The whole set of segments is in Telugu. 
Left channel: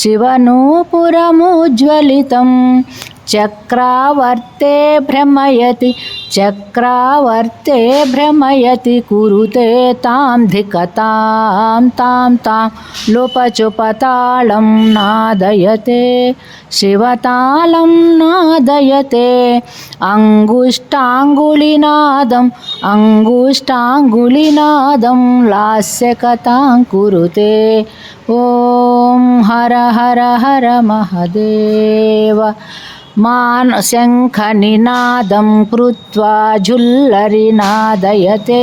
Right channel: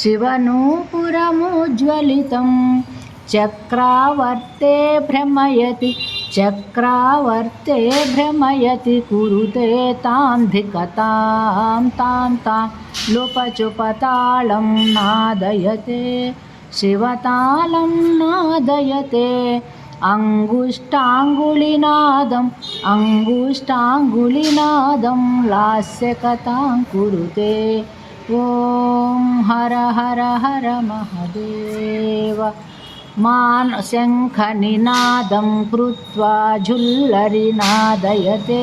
శివనూపురముజ్వలితం చక్రావర్తే భ్రమయతి చక్రావర్తే భ్రమయతి కురుతే తాం ధికతాం తాం తాం లుపచుపతాళం నాదయతే శివతాళం నాదయతే అంగుష్టాంగులినాదం అంగుష్టాంగులినాదం లాస్యకతాం కురుతే ఓం హర హర హర మహదేవ మాన్ శంఖనినాదం కృత్వా జుల్లరి నాదయతే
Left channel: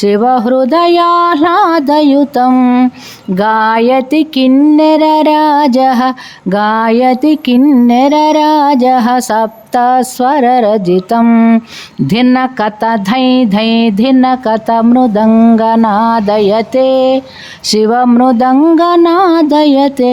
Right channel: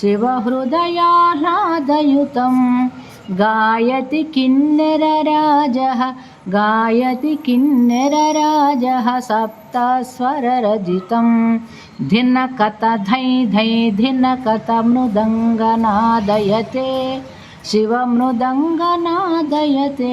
शिवहृदयाह्लादयुतं गायति किन्नरराजः गायति किन्नरराजः सप्तस्वररजितं धिनकत धै धै धिनकत मृदङ्गनादयते शिवमृदङ्गनादयते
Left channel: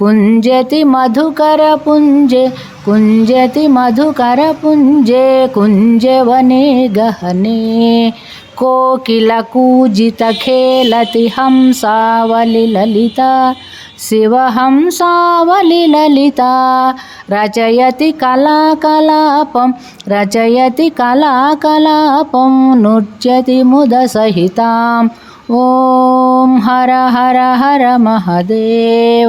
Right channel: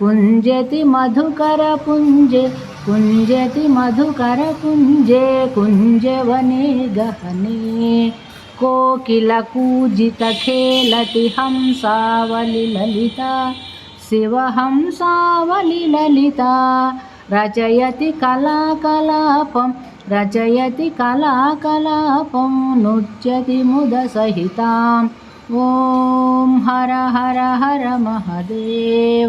कुञ्जति मधुकरपुञ्ज कुञ्जति मधुकरपुञ्जे कुञ्जवने गहने कोकिलकूजितखेलति हंसावलिललिता शिवहंसावलिललिता रचयति कलाकलापं रचयति कलाकलापं नृत्यति मुदसहिताम् ॐ हर हर हर महदेव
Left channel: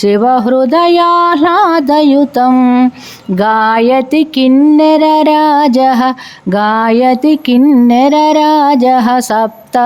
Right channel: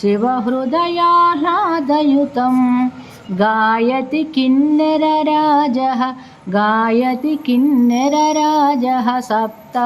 शिवहृदयाह्लादयुतं गायति किन्नरराजः गायति किन्नरराजः सप्त